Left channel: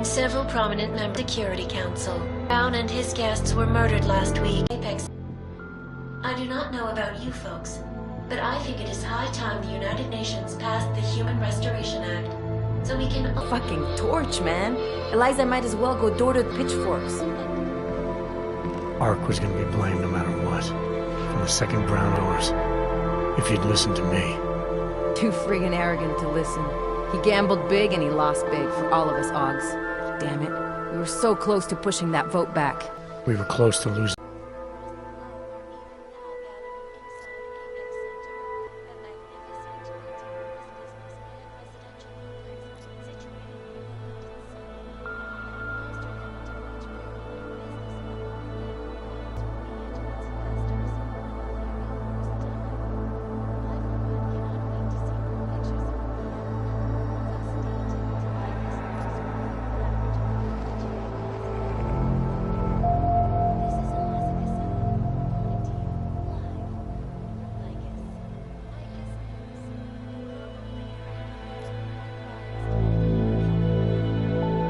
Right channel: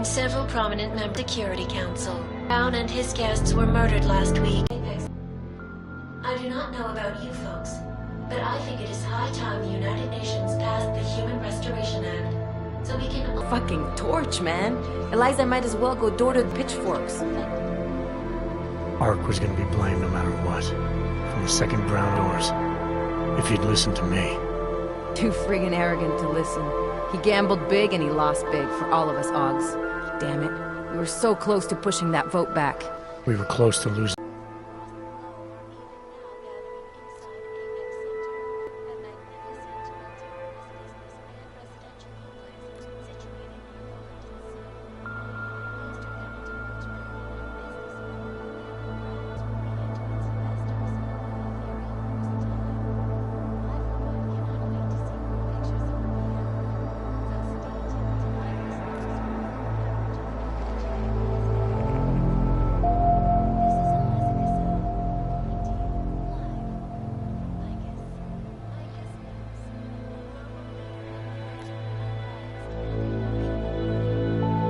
and several prominent members of the Security Council. Brown and his guests were murdered last week. I do not know about you folks, but I think it is high time the United Nations passed the Human Restoration Act, so we can... Fucking torch, man. Eliza might as well go door to the pitchforks. Ark was gonna be blamed no matter what. From the second ground doors. If he'd listened to me. Too friggin' arrogant to listen. He gambled big and he lost big for all of us, Oggs. Damn it. We were so close to pushing that vote back. We were close to losing.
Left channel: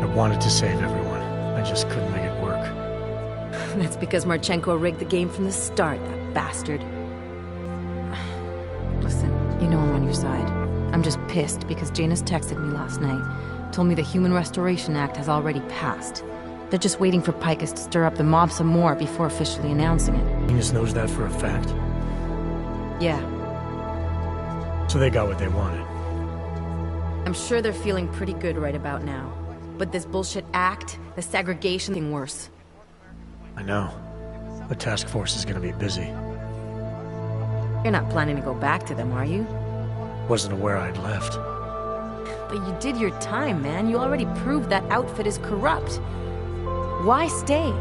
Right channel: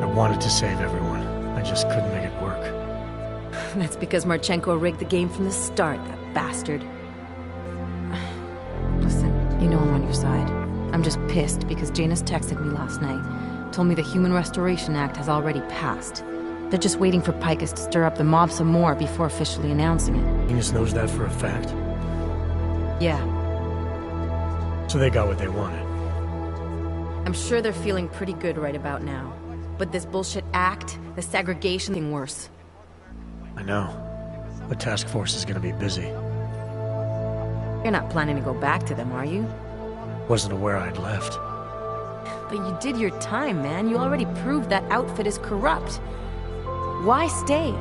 I wanted to save everyone. I just couldn't make it work. That's because Marchenko rigged the game from the start, that bastard. Listen, you know I'm on your side. I'm just pissed because Janus texted me last night. Told me the Human Restoration Act has already passed. They're just waiting for Picus to stir up the mob some more before officially announcing it. Janus knows that for a fact? Yeah. So they got what they wanted. I'm sure they're feeling pretty good right about now. But this bullshit act, the segregation thing worse. I know. The task force is gonna be busy. You're not planning to go back to them, are you? Wasn't aware I'd left. But you did your time, man. You already proved that outfit is corrupt. Why stay?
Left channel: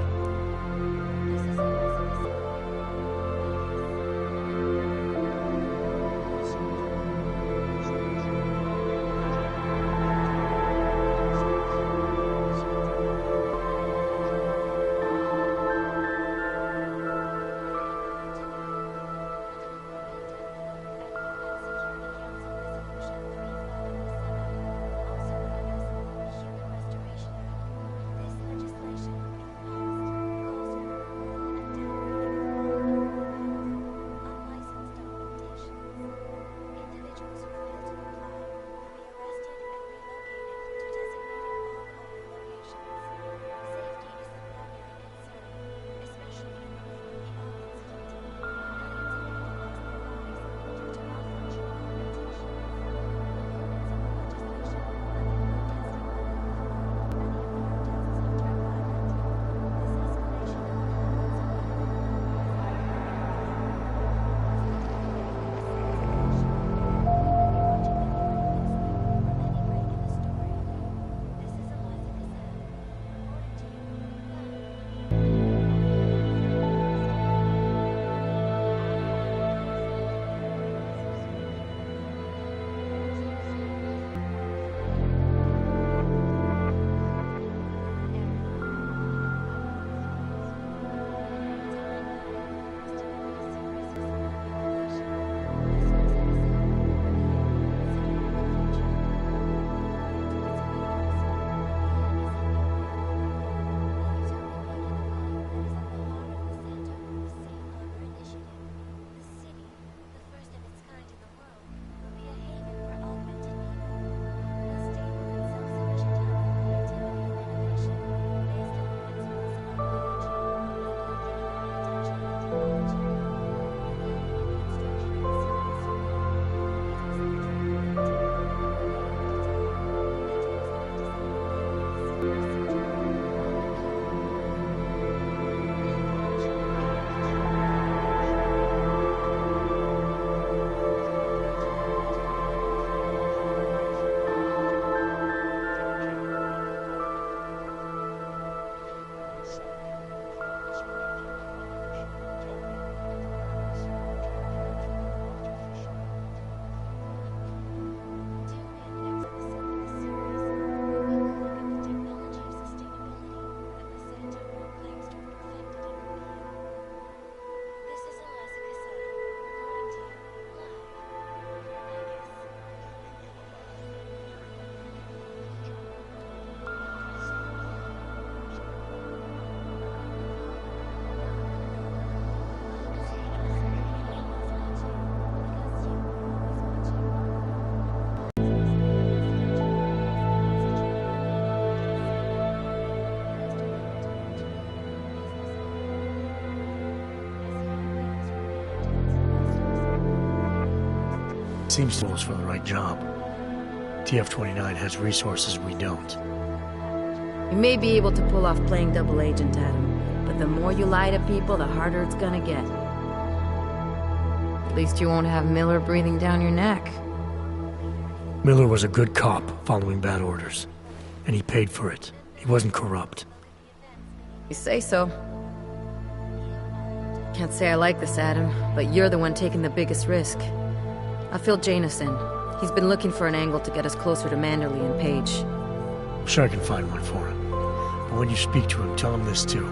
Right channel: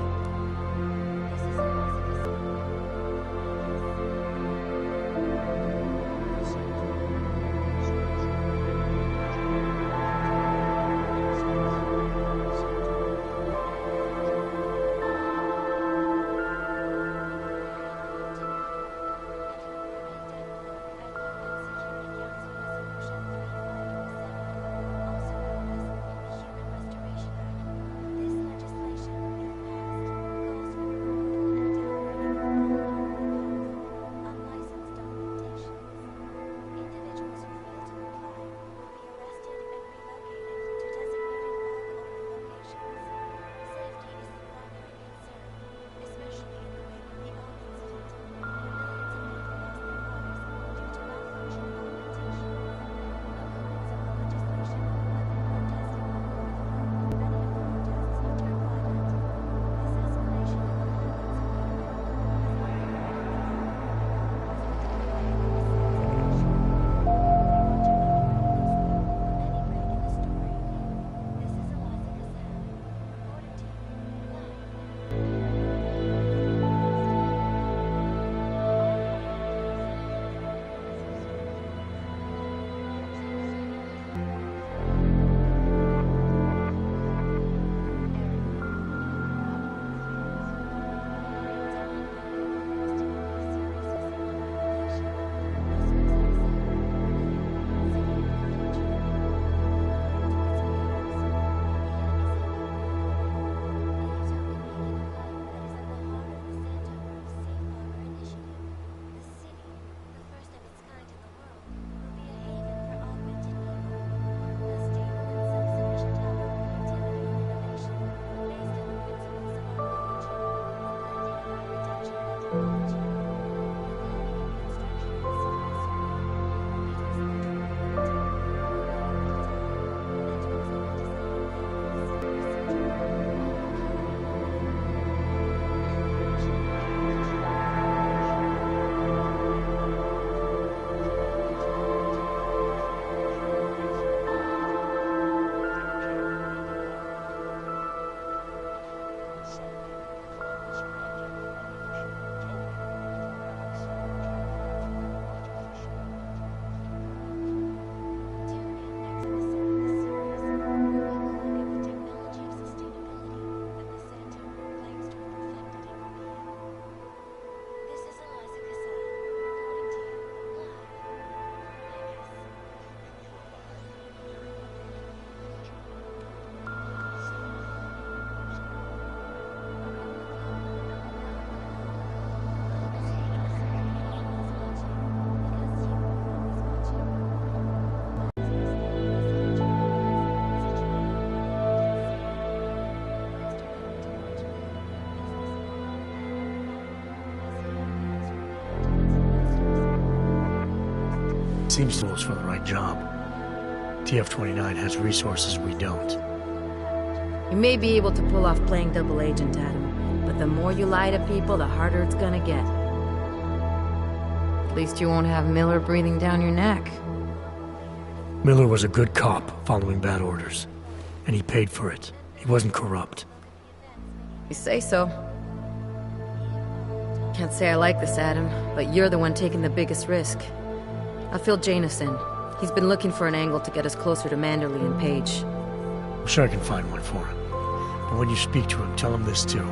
seems to us for the right job. TF-29 has resources we don't. You may be able to pull off playing double agent, Adam, but the more you lie to people, the harder it's gonna get. At least you won't have Miller breathing down your neck. Miller was a good cop following bad orders, and he paid for it. He wasn't corrupt. You say so. Can't say I like this, Adam, but you're the one taking the biggest risk. I'll fill Janus in. He's been looking for an angle to get us closer to Manderley and Page. I'm sure I can find one for him. But when you speak to him, tell him this too.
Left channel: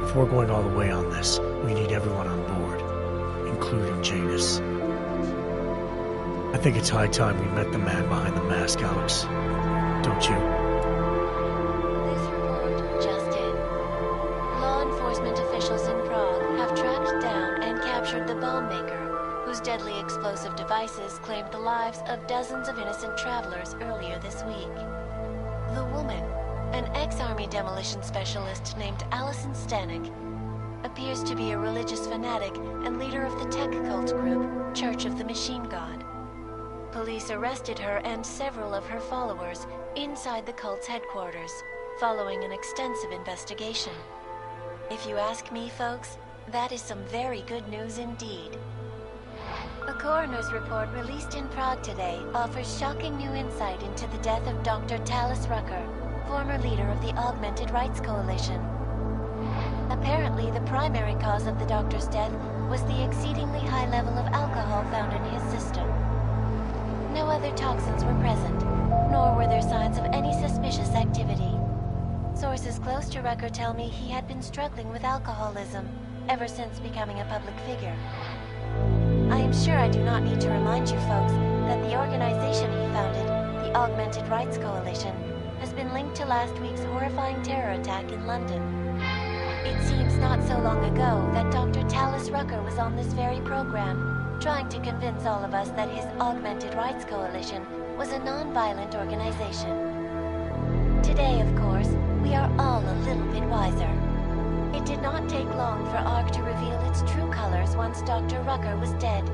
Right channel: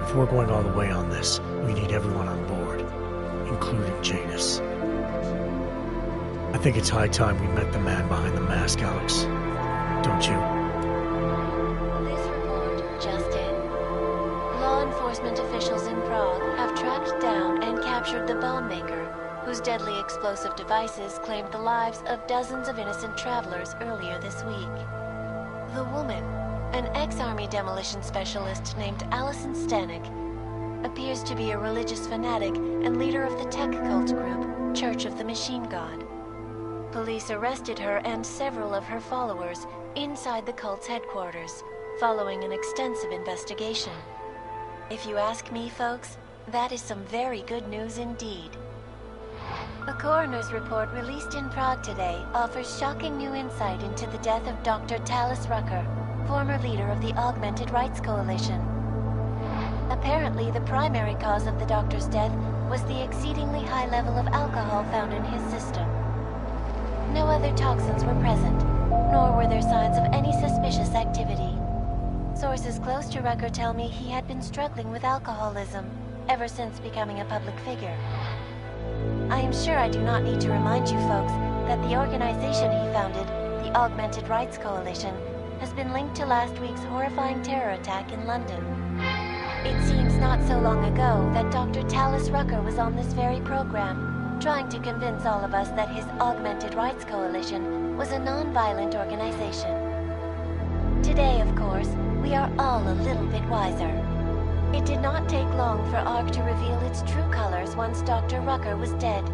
If we're going all the way on this, we need everyone on board, including Janus. I think it's high time we met the man behind the mask, Alex. Don't you? This report just in. Law enforcement officials in Prague have tracked down and captured the bomb maker, whose deadly explosive devices claimed the lives of dozens of innocent travelers earlier this week. The woman, an ex-army demolition specialist named Allison Stanek, appears to be a religious fanatic and leader of the tech cult group, Church of the Machine God. Police arrested her and several of her followers inside the cult's headquarters, following an extensive investigation. If you ask me, folks, that is some very good news indeed. A coroner's report released in Prague today offers shocking new insight into the death of Dr. Talis Rucker, former leader of the Augmented Rights Coalition. Apparently, the primary cause of the doctor's death was the exceedingly high level of alcohol found in his system. No other toxins were present, nor were there signs of any suspicious activity. Sources close to Rucker tell me he had been struggling with alcoholism ever since becoming a public figure. I am sure I do not need to remind you folks that the organization he founded, the Augmented Rights Coalition, has been linked to last week's horrifying terror attack in London. It seems not so long ago that Dr. Talis Rucker was on this very program, trying to convince all of us that his Augmented Rights Coalition was a non-violent organization. Today, of course, we are all a little bit wiser. It did not take long for ARC to reveal its true colors once Dr. Rucker was dead.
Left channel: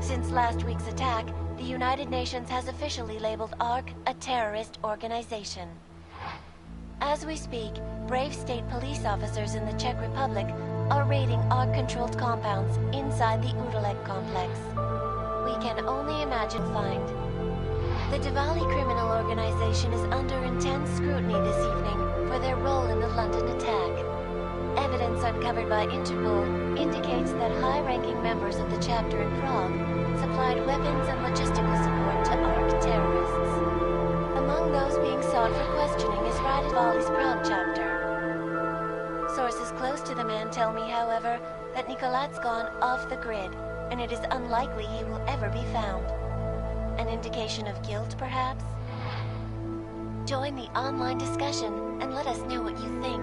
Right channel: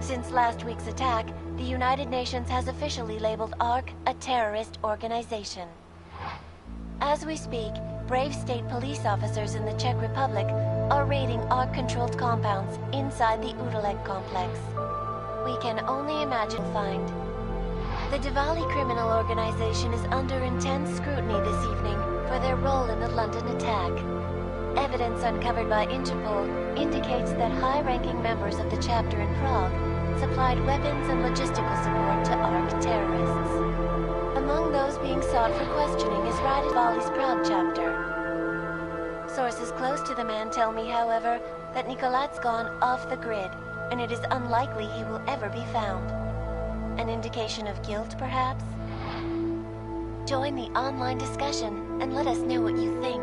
Since last week's attack, the United Nations has officially labeled ARC a terrorist organization. As we speak, brave state police officers in the Czech Republic are raiding ARC-controlled compounds inside the ULTRALAZERULTIMA complex. We can only imagine find. The Diwali criminal organization is under intense scrutiny this evening for their role in the London attack. Evidence uncovered by Interpol indicates that high-ranking members of the chapter in Prague supplied weapons and logistical support to ARC terrorists. Among those being sought for questioning is Radivali's Prague chapter. Sources close to the man tell me, however, that Nicolat's gone off the grid, and it is unlikely he will ever be found. An indication of guilt, perhaps? Join the online discussion and let us know what you think.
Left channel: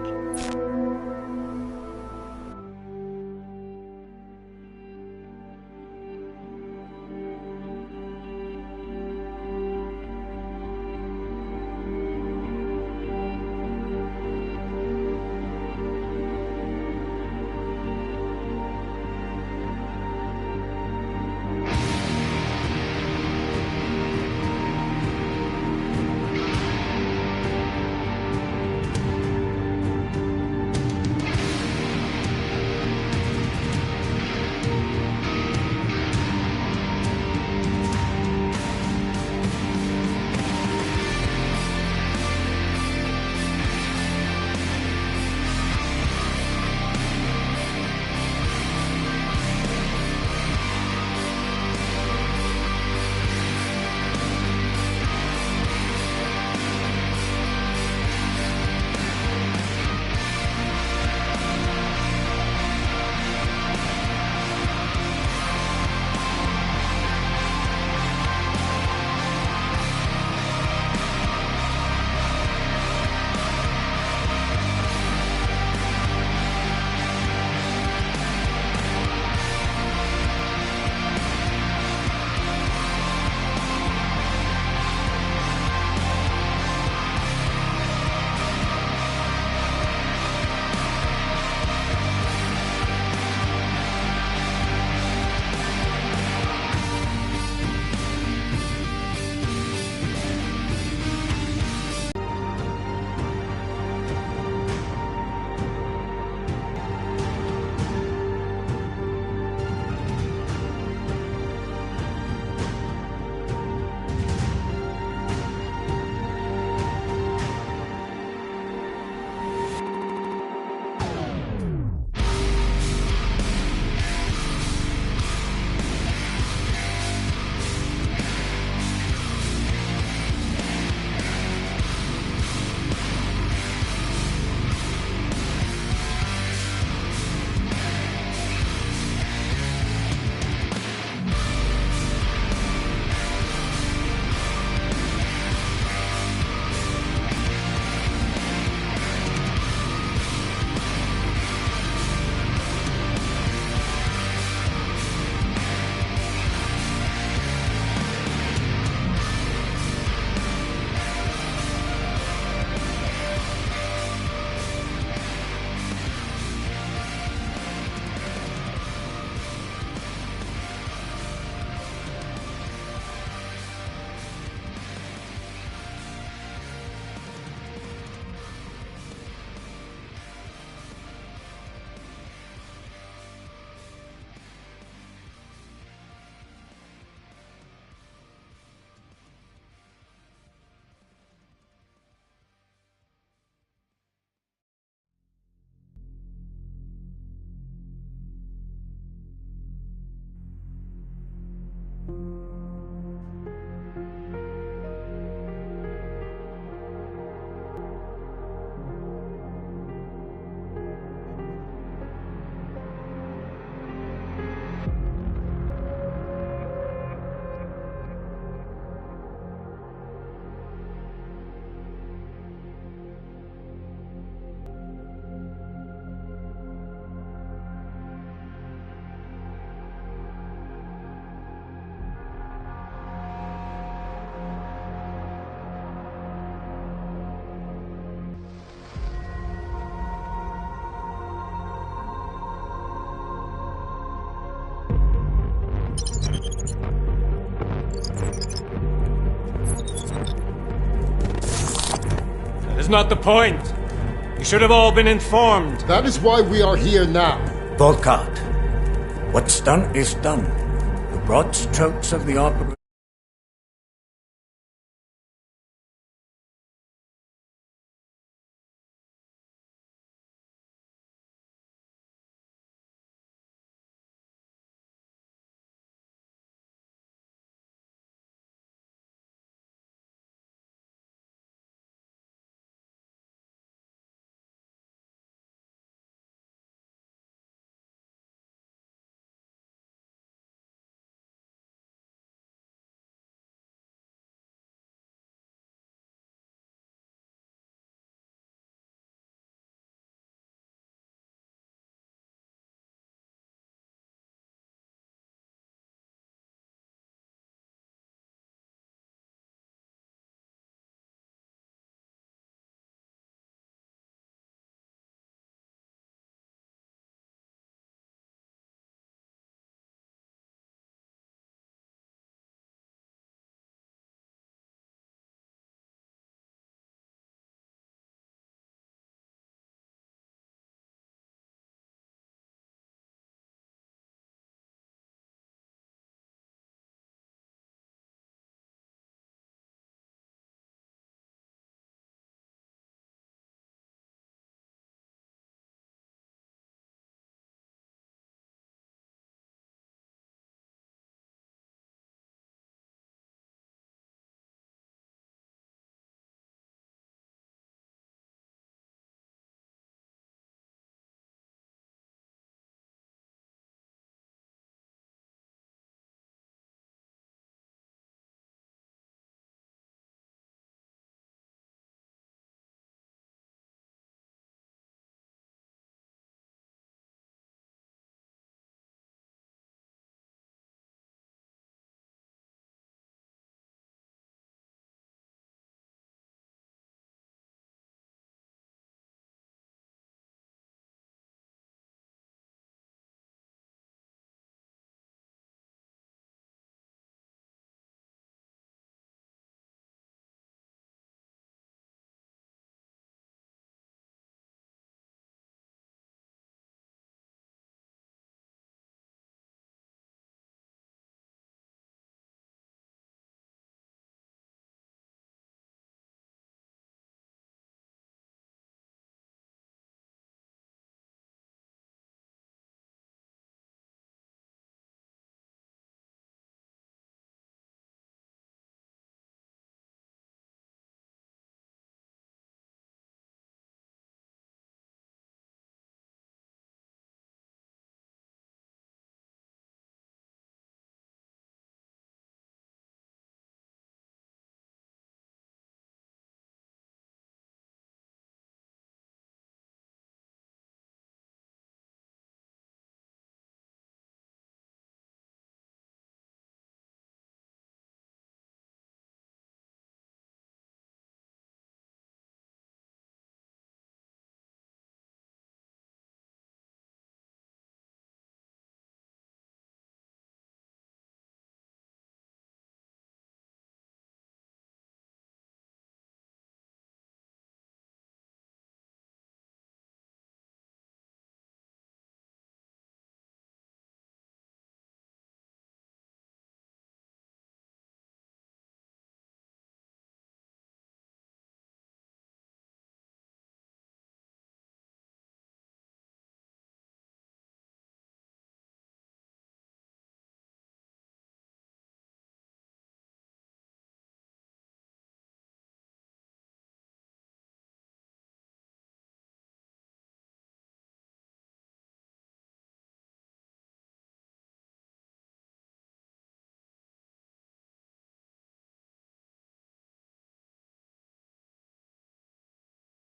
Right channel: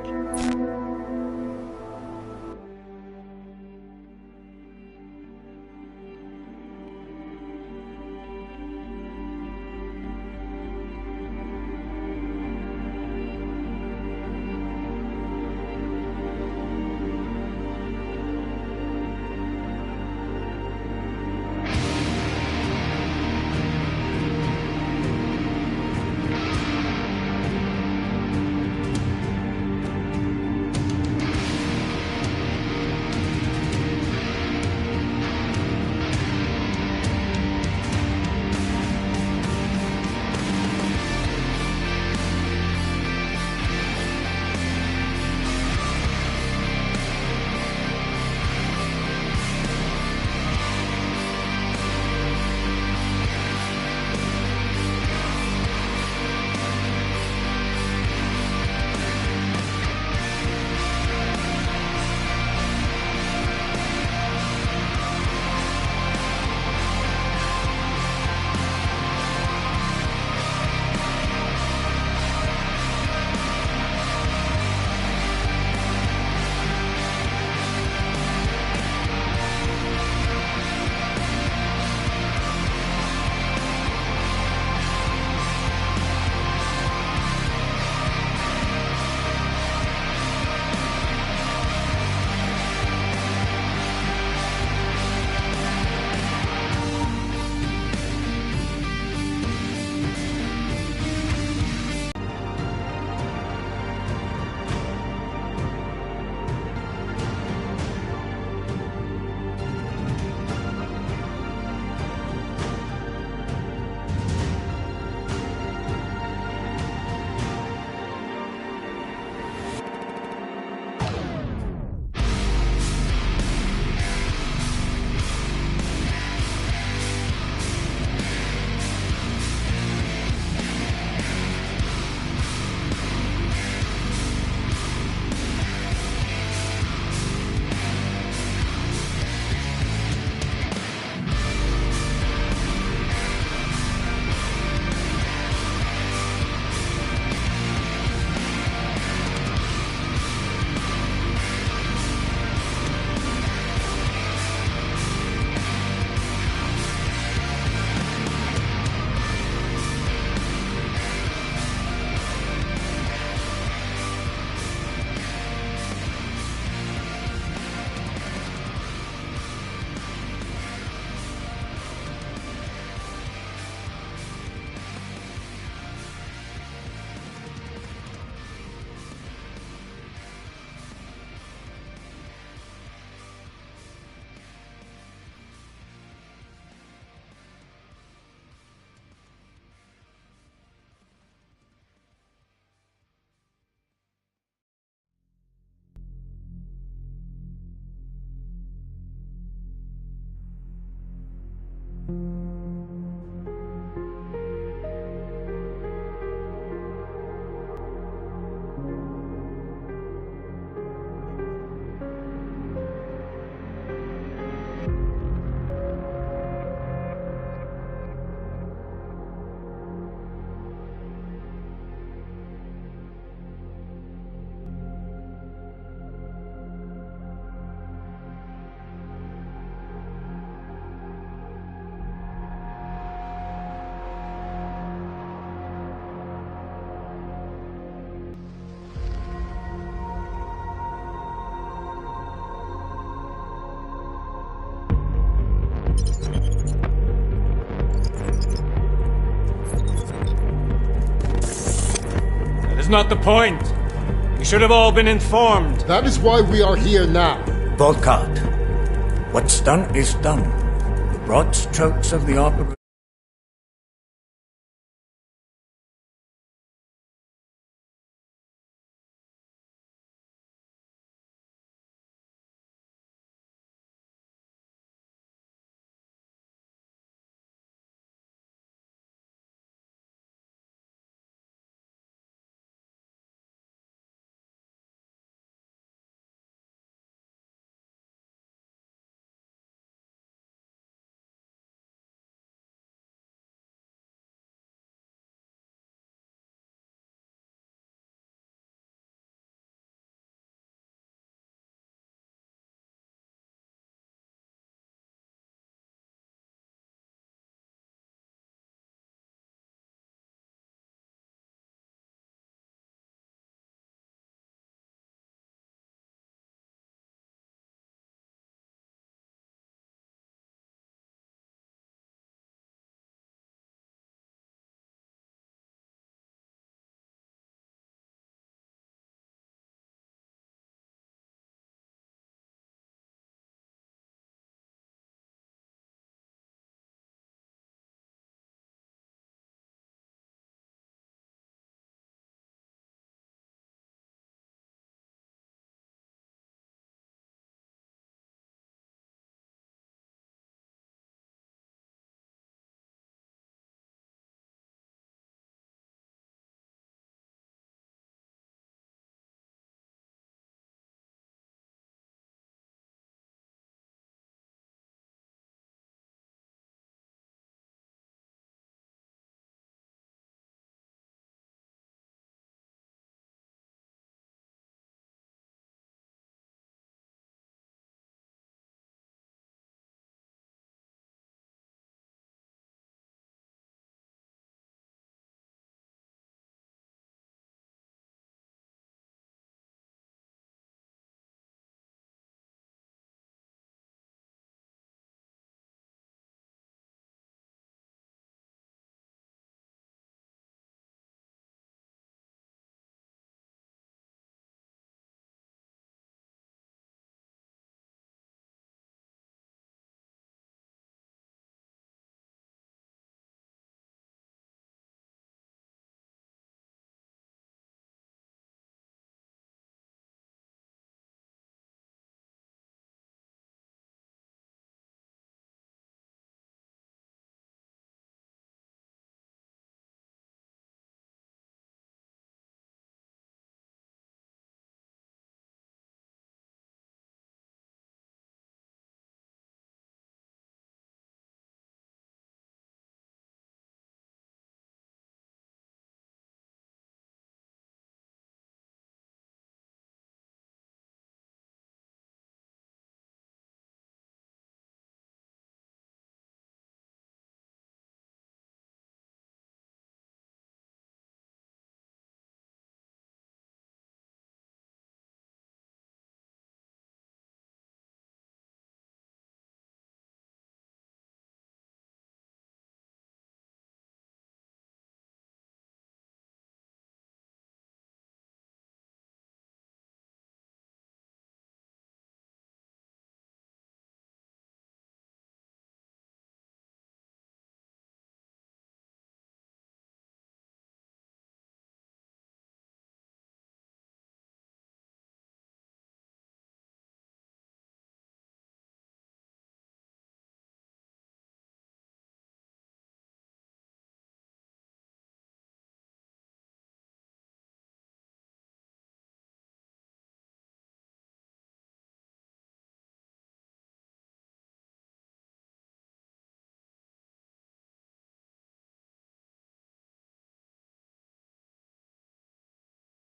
is not the point. You should have all been informed. That is why we are here now. Volkart, what's done is done. The broad strokes of the operation.